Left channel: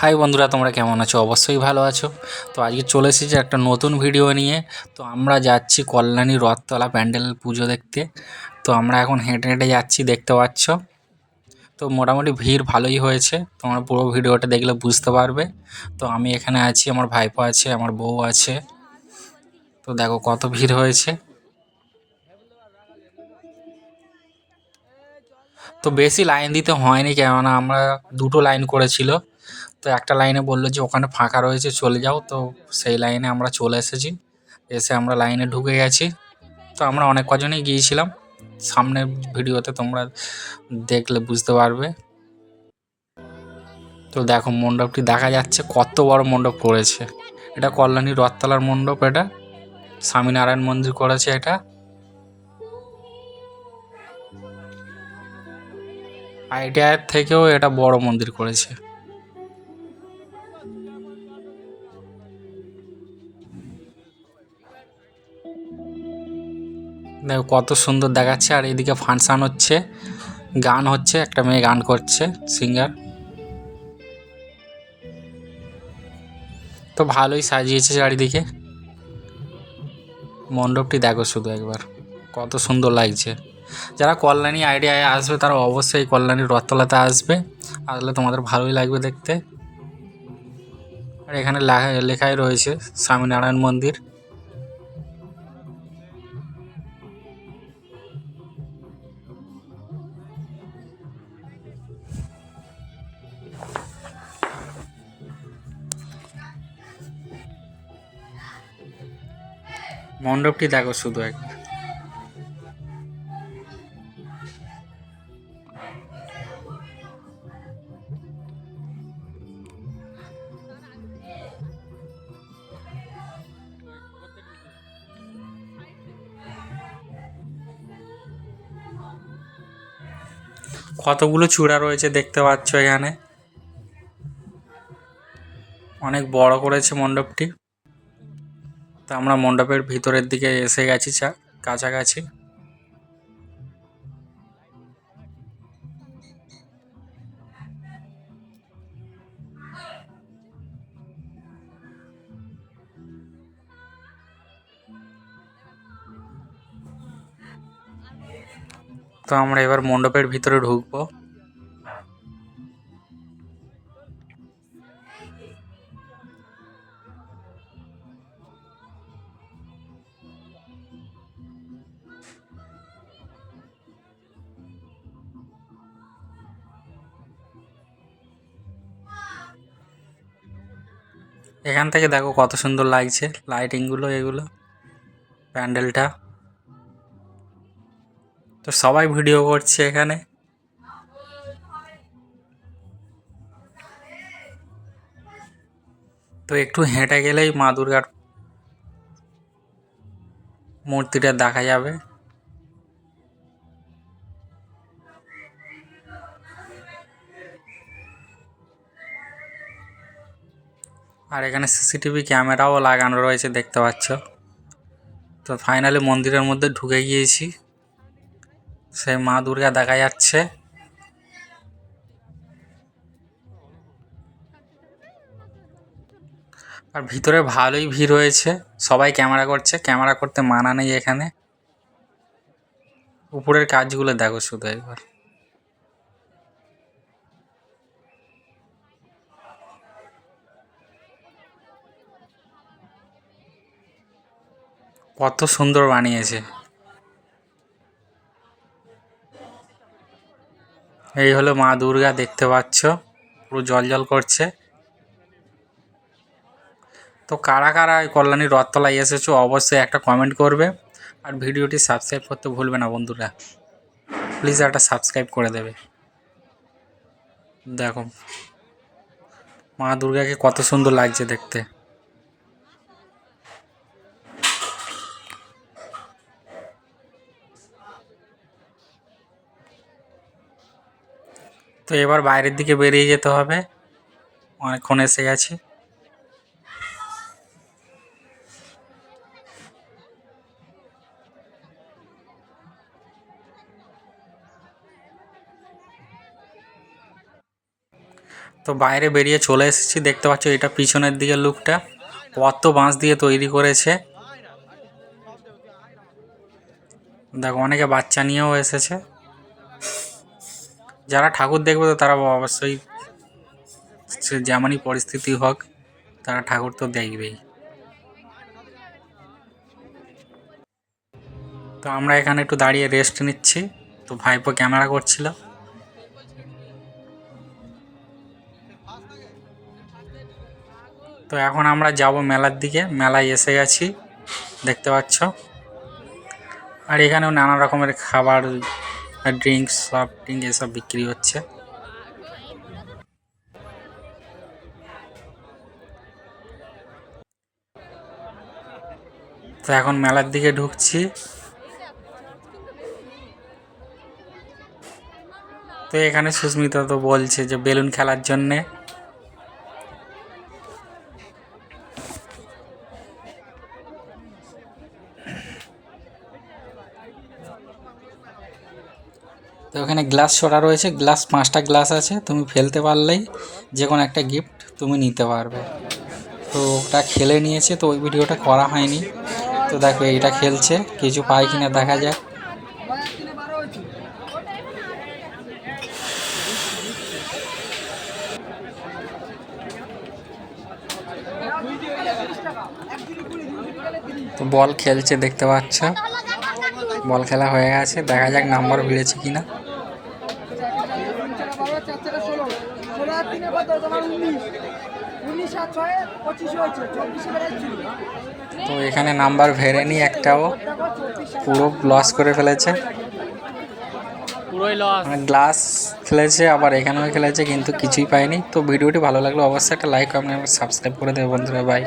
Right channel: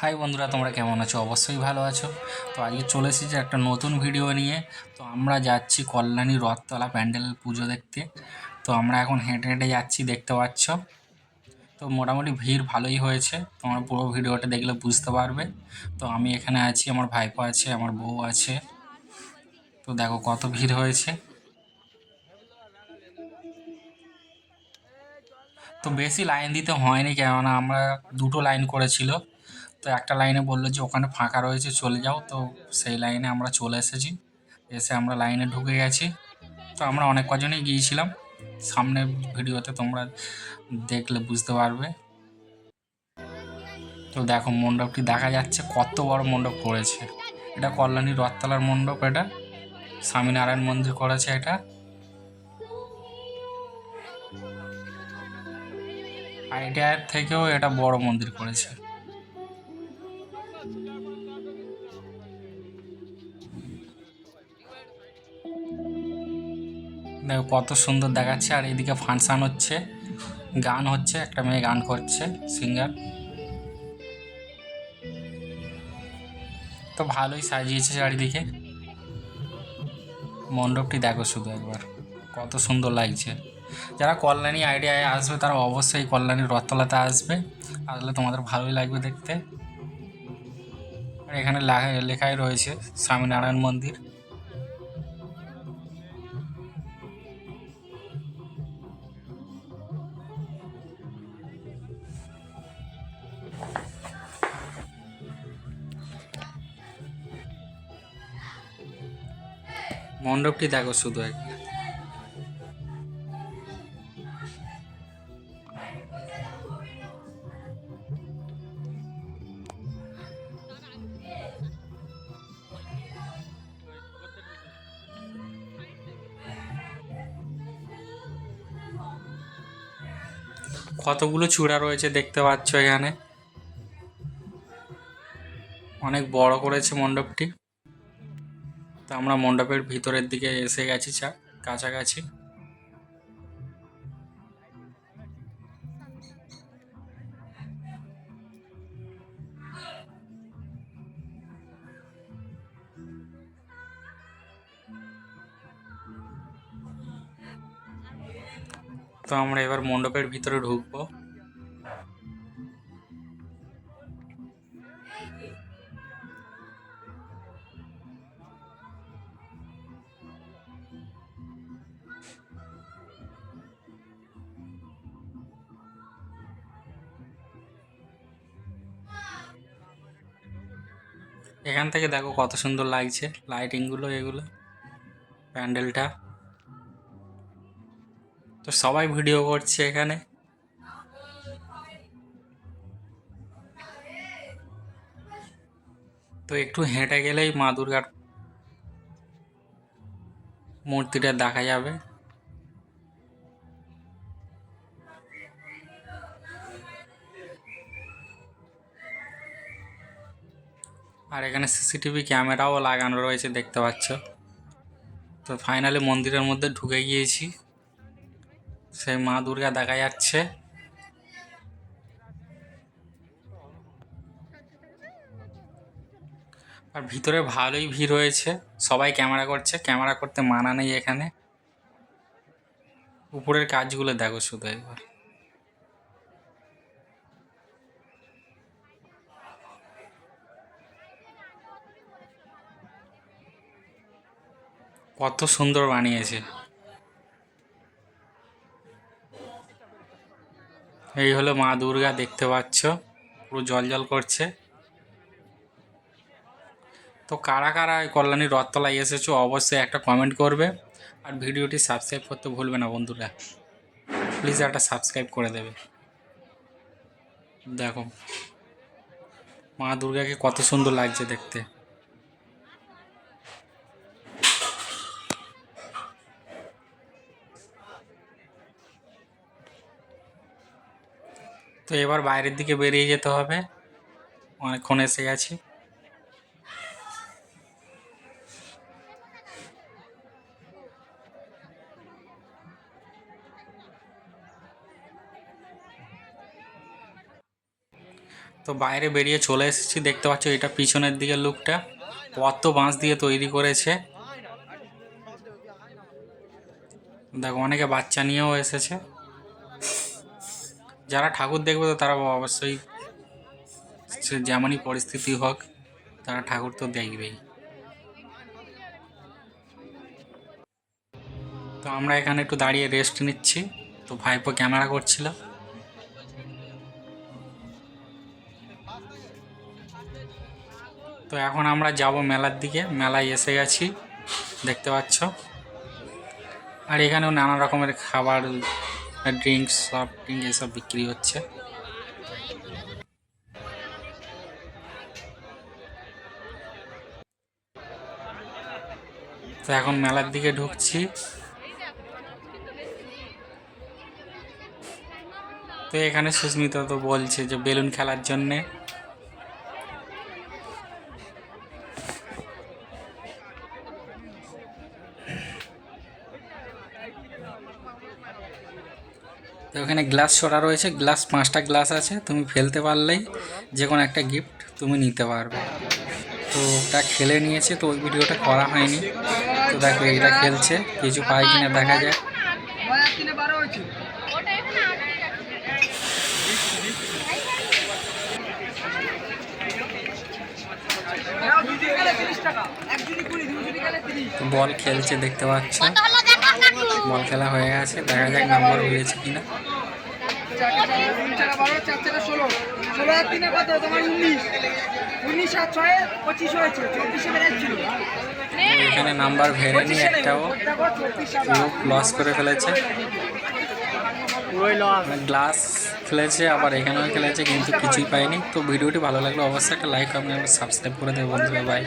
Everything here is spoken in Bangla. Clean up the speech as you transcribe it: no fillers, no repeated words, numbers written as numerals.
হাই বন্ধুরা, তোমরা কেমন আছো? অবশ্যই ভালো আছো। তো আজকে চলে এসেছি একটা নতুন ভিডিও নিয়ে। তো আমরা যাচ্ছি কল্যাণী রথতলা প্যান্ডেল পুজো দেখতে। তো আমরা এখন হেঁটে হেঁটে যাচ্ছি, দেখতে পাচ্ছ। তো মোটামুটি ভিড় ভালোই হয়েছে, তোমরা পুরো ভিডিওটা দেখলে বুঝতে পারবে। তো আমি এখানে আছি, আমার ভাইপো আছে, আমার বউ আছে। তো দেখো কত ভিড় হয়েছে। তো বেশি লাইন দিতে হয়নি, কেননা আমরা দুটো লাইন করেছিল। তো একটা লাইনে বললো যে ওখানে ফাঁকা রয়েছে, চলে যাও। তো সেই লাইনে আমরা চলে এসেছি, এসে আমরা লাইনে ঢুকে গেছি। তো আমরা অনেক কজনই গিয়েছিলাম, সামনের ভিডিওতে তোমরা দেখলে বুঝতে পারবে। তো দেখো মণ্ডপটি দেখা যাচ্ছে, কত বড় মণ্ডপ করেছে। এটা কল্যাণী রথতলার মণ্ডপ, এটা স্বামীনারায়ণ মন্দির করেছে এটা। আইডিয়ার থেকেও এটা বড় মন্দির করেছে। দেখো কত সুন্দর দেখাচ্ছে। আর এদিকে ফাংশন হচ্ছে, গান হচ্ছে, একটা মেয়ে গান করছে, সিঙ্গার। তো ভালোই সাজিয়েছে চারিদিকে। মণ্ডপটি দেখো শুধু একবার, কত সুন্দর লাগছে। যারা কল্যাণী আইডিয়ায় আসবে তারা অবশ্যই কল্যাণীর রথতলাতে আসবে, আসলে তোমাদের ভালোই লাগবে দেখতে। আর এখানে লেখাই রয়েছে স্বামীনারায়ণ মন্দির। মণ্ডপটি দেখো শুধু একবার। কতগুলো চূড়া রয়েছে দেখতে পাচ্ছ এখানে, অনেক বড় করেছে মণ্ডপটি। তো আমরা মণ্ডপের ভিতরের দিকে এসে গেছি, কাছাকাছি। তো আমরা এবার মণ্ডপের ভিতরে ঢুকবো। এখান থেকে দেখো কত সুন্দর লাগছে লাইটিংগুলো, এগুলো প্যান্ডেলটা। তো সবাই ভিডিও করছে এখানে। তো একটু হেঁটে গেলেই মা দুর্গার মূর্তিটা দেখা যাবে। আর এখানে সিসিটিভি ক্যামেরাও লাগানো রয়েছে, দেখতে পাচ্ছ। তো ফাইনালি মন্দিরের মধ্যে ঢুকে গিয়েছি, সেই মা দুর্গা দেখা যাচ্ছে। আর ভিতরে ভালোই ভিড় হয়েছে, সবাই ক্যামেরা করছে, ক্যামেরা করতে মানা নেই এখানে। উপরের কাজগুলো দেখো শুধু একবার। কত সুন্দর বানিয়েছে। এই হলো মা দুর্গা, দেখতে পাচ্ছ, পুরো জল জল করছে। তো কারা কারা এই কল্যাণী রথতলায় এসেছো অবশ্যই একটা কমেন্ট করবে। আর ভিডিওটি সাবস্ক্রাইব করতে ভুলবে না বন্ধুরা, প্লিজ একটা সাবস্ক্রাইব করে দেবে। দেখো মা দুর্গাকে কত সুন্দর লাগছে দেখতে। তো এবার বাইরের দিকে বেরিয়ে যেতে হবে, অনেকক্ষণ এসে গেছি। তো তো বাইরে বেরিয়ে চলে এসেছি, দেখতে পাচ্ছ এটা পিছনের দিকে লুকটা কত বাঁশ দিয়ে তৈরি করেছে। দেখো অনেকে বাচ্চা নিয়েও এসেছে। যারা ঠাকুর দেখবে তো তারা অবশ্যই যেমনই পরিস্থিতি হোক তারা ঠাকুর তো দেখবেই। তো আমরা এখানে একটু দাঁড়িয়ে রেস্ট নিচ্ছি। তো ভাইপো ক্যামেরা করছিল। তো এখন আমরা যাব মেলার দিকে, মেলায় এসে গেছি দেখতে পাচ্ছ। আর এখানেও নানা রকমের খাবার, ড্রিঙ্কস, সফট ড্রিঙ্ক এসব বিক্রি হচ্ছে। তো এখন মেলার দিকে ঢুকছি। তো এখানে সুস্মিতা তো বলছে যে বেলুন খেলার জন্যে। তো ওখানে গ্লাস ছড়া রয়েছে, গ্লাস 5টা গ্লাস আছে, তুমি ফেলতে পারলেই যে কোনো একটা গিফট তুমি নিতে পারবে। তো ওটা খেলে নিয়েছে, তো ওই ভিডিওটা করা হয়নি। তো দেখো এইটা খেলছে, কিছু পায় কিনা দেখা যায়। তো বল খেলছে দেখতে পাচ্ছ, বল খেলা হয়ে গেছে, দেখা যাক নাম্বার হয়েছে কিনা। তো এখানে নাম্বার ভেরেনি একটাও, পুরো লস করে ফেলেছে। গ্লাস খেলেছে আবার এখানেও খেলেছে কিন্তু কিছুই পায়নি। তো ভিডিওটি ভালো লাগলো অবশ্যই একটা লাইক, আপনি সাবস্ক্রাইব করে দেবেন বন্ধুরা। বাই।